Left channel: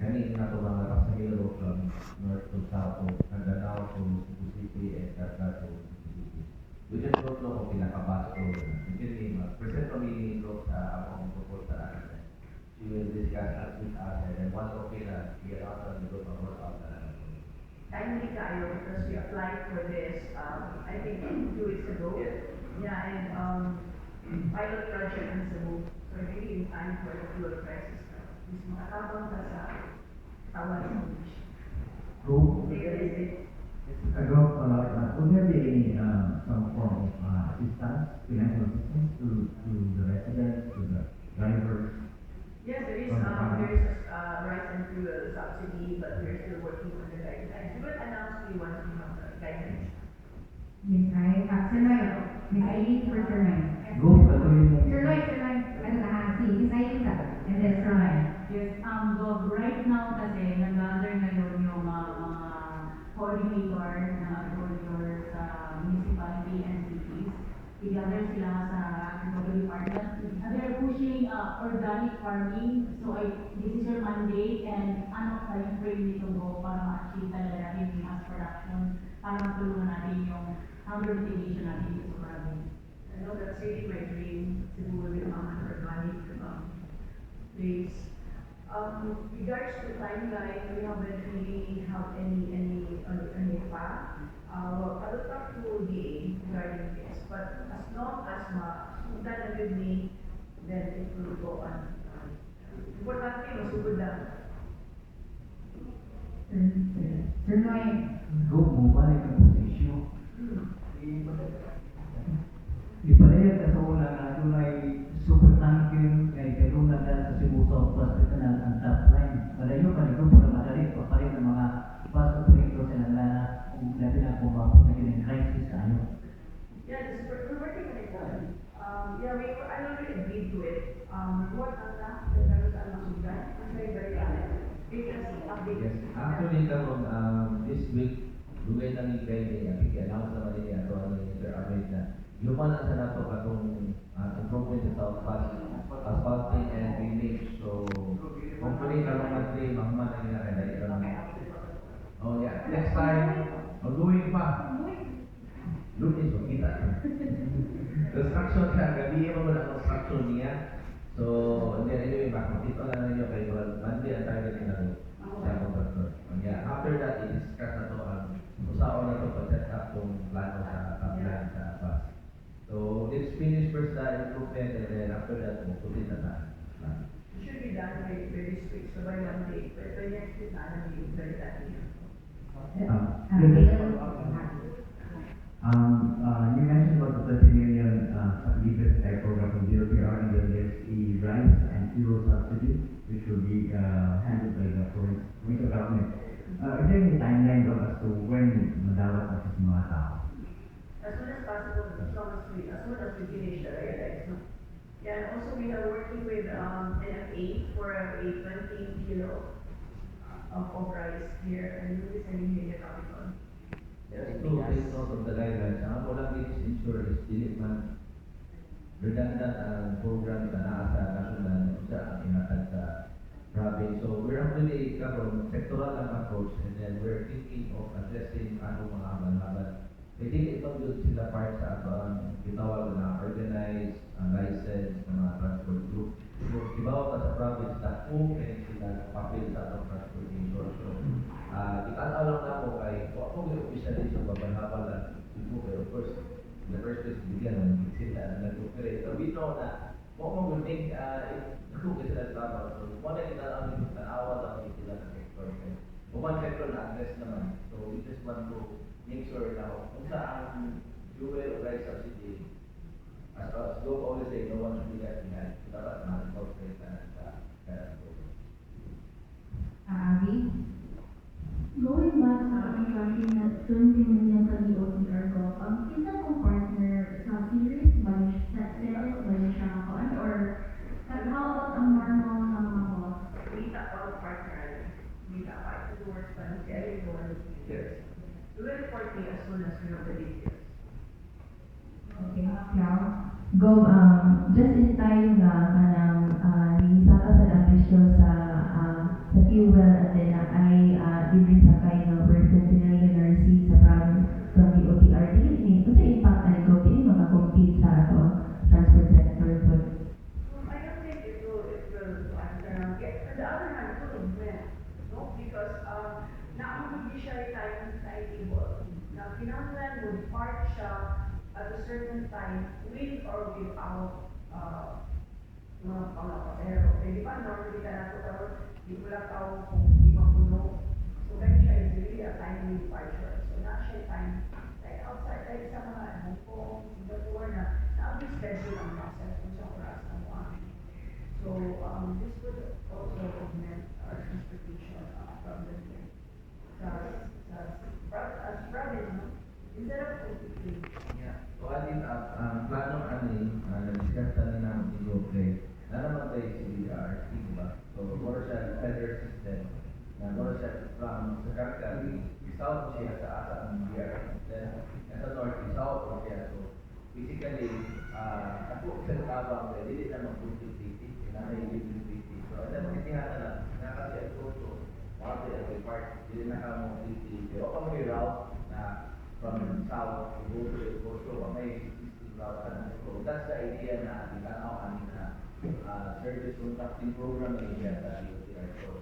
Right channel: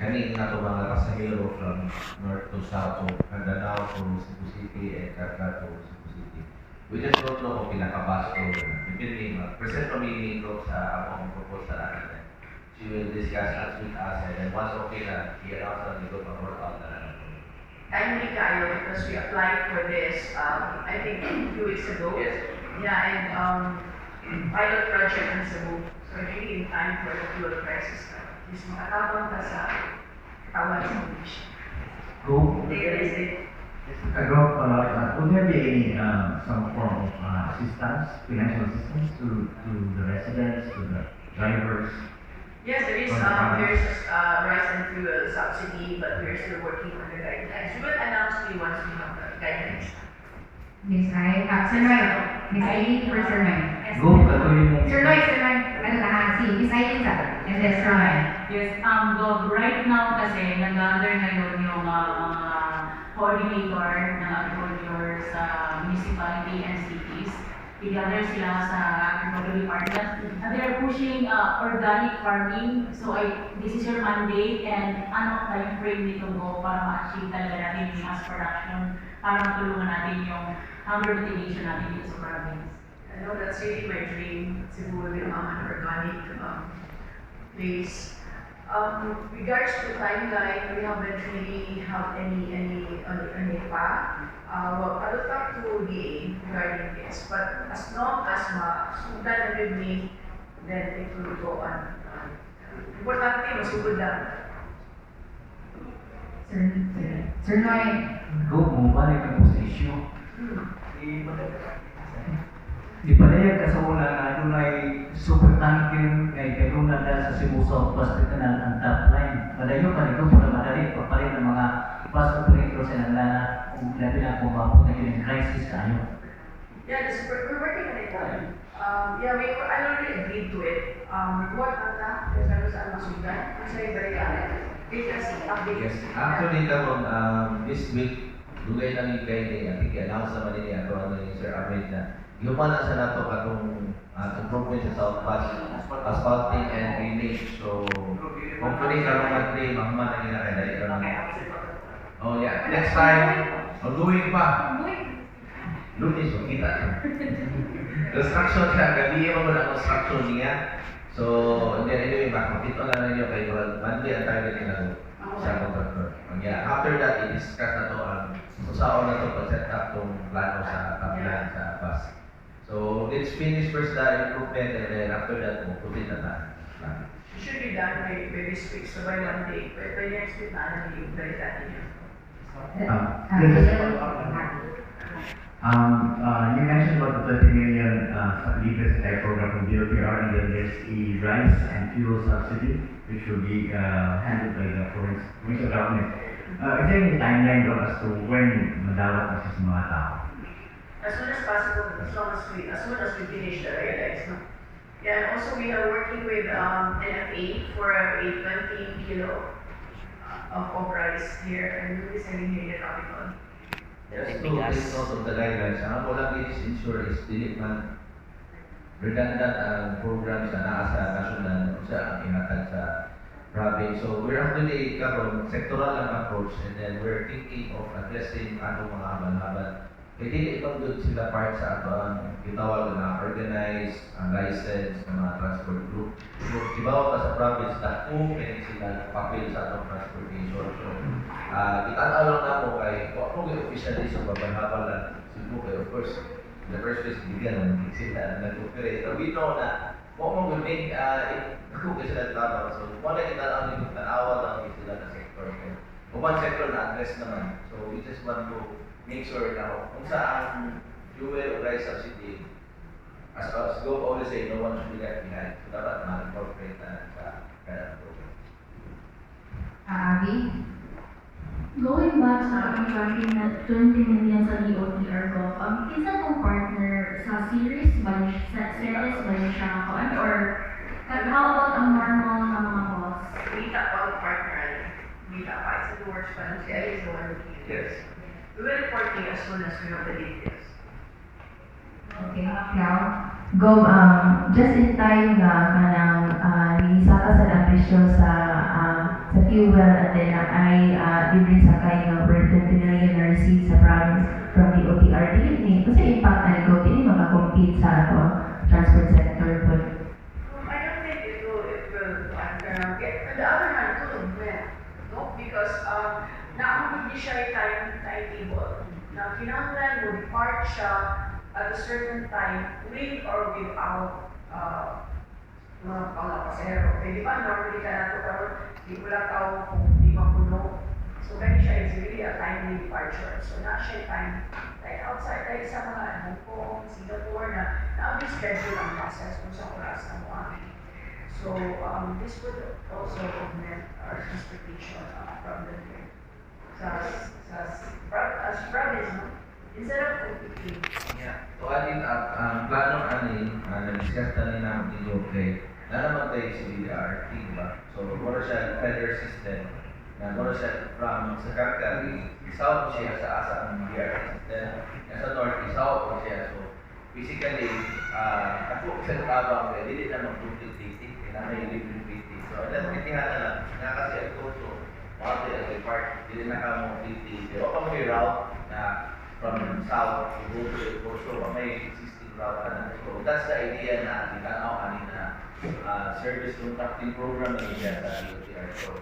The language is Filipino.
Kani nga ito mga pasahero from north to south, so Mindanao to Cebu City and Carga to Cebu City. We just don't know kung pinaka-bus ko na. Depende, present kami ito sa akong proposal natin. She will discuss us with us and then once okay na, i-announce na dito pa work out na lang. Timely kayo because we applied for this, I think 2 weeks ago. Yes. Yeah, and pilot project in Cebu. So really in time for the fuel crisis. Is makatabang ka sa katawan sa English. Go. They raised it. Would there be any some form of assistance, financial assistance to the residents, to the drivers? Yes, there is there's rice and fuel subsidy, but we're still working on the guidelines. We will announce to you once we have the guidelines. Miss I, Sir Noy, Miss Eileen for Sir Noy. Go, katuloy mo. Sir Noy, ano si Miss Eileen sa? And then Sir Noy. Yes, Gov, right now kasi nag-under ngayon yung coordinator ng agriculture sa municipality and cities. Together sila sa agriculture department. And they're pushing organic farming. So this is your mandate and ano time frame nito go para ma-achieve talaga natin yung mass production para matulungan natin yung hunger mitigation natin dito sa province. I know that's really my dream. Cebu will become an organic place. Regards to timeline, we haven't really have any pa. Well, I will talk to DA regarding this, but as long as sundan with me, then it will go on. Importante, masugod lang. Sir Noy. Go, bumalik ka po sa issue. Ipadayag ka sa una na doon ay supertanker ay kailunan na sa Cebu South Pacific Canal ang top line. Padayo ka nito para madali papalit ng mga bus operators sa nalala kung labi na kung mapot na yung crisis tayo. Yeah, we're working on it. Yeah, I already agreed to it. Report ata, kung saan masundan, kasi very because update. Yes, actually karon this week dugay na ni kay I think announce naman ni ato ni Sir Ahmed na yuman na sa nato katong improvement sa South Pass asphalting and drainage. So hopefully karon monthly magman na nila kay dali karon. Oh yeah, next time doing pa. Lunes kita. Construction siya gabi mo na construction niya. So anyway makita na ninyo kay monthly ang target nila sa contractor. Yeah, after that i-discuss na to ang usaon na to pag-set up tong plano sa kabilang sa bus. So let's finish first the improvement and then after that we'll put it na plan. It should be done by this week, so by Monday. By next week, na yung balikan niya. You mentioned about the 30 million liters type program from DOTR, and then there's the rice and fuel subsidy, which will be handled by the provincial government. Is there any timeline though as to when madawat na sa mga tao? As soon as possible, as soon as we finish the guidelines. No? Yeah, and also we are working with NFA for a 20 kilo of rice here, and we'll be sending here in Capitol. Yes, to take note of the guidelines. Ang ako lang is ensure is dili man redundant ang programs na naa sa national sa ang ihatag sa province. So we're actually karon sectoral ang approach and then we're thinking of addressing atong mga haban-haban. Kaya dili ibang doon sila part sa ato ang gitawag na organized, ang license, ng mga transport group. So ibaw pa sa province na kung may sila papel sa atong transportation. So kita lang na mo kay kung yung officially sa babanhabal lang Cebu kay of course in the first place bigyan ng sila nag-operate. So we know na kung mo will make kung sila tama. So wala kita lang yung tanawa lang sila na sector. Kung one sector na address naman. So we just want to make sure na kung saan fuel or rice subsidy as go always say no one should be left behind. So dapat ma-incorporate na sa kaya program. Abby? Going back sa contracting na 20 million sa DOTR Gov, kinsa tong partner sa series ba niya, sa series ba niya siya kakuan, or how about ang normal na mga costs? Kita pa ang partner. Kita pa. It's in the works pa. Si Ali is the one looking at Yes. this. We will report to you as soon as we have the details. Okay, now, Gov, just in time nga kanang lisata sa ambisyon sa fuel siya timetable na kinahanglan mo depart siya at a certain time with or without mga pasahero. Okay, di ba? Normally ka na ito karon, di mo lang tao kung di mapuno. So, ganun siya is really a timely departure. So, na siya time like outside, like sa mga Hong Kong, Singapore na ang schedule ang process kung sa oras na mo amin. So, this would also augment our transportation from the here. As province, no? Instead of OPP. Yeah. So, alin plano anin, na-discuss na rin namin ni Joe na naman tayo si BDRT, diba? So, mura siya feather system na mura siya from sa Calgary, south siya sa asa ang BDRT system. Sa north, south po siya. So, basically, ako sa tabang kaya hindi na mag-duty, na may libre-duty. So, alam, kitihan na lang. Nga kasi ito, so, mga tayo part, hindi na ka mo-duty. Pero kung may route na from south to go to the coast, so may existing route na. So, that's the idea na, di na ako kanina, service contracting program na niya sa DOTR. So,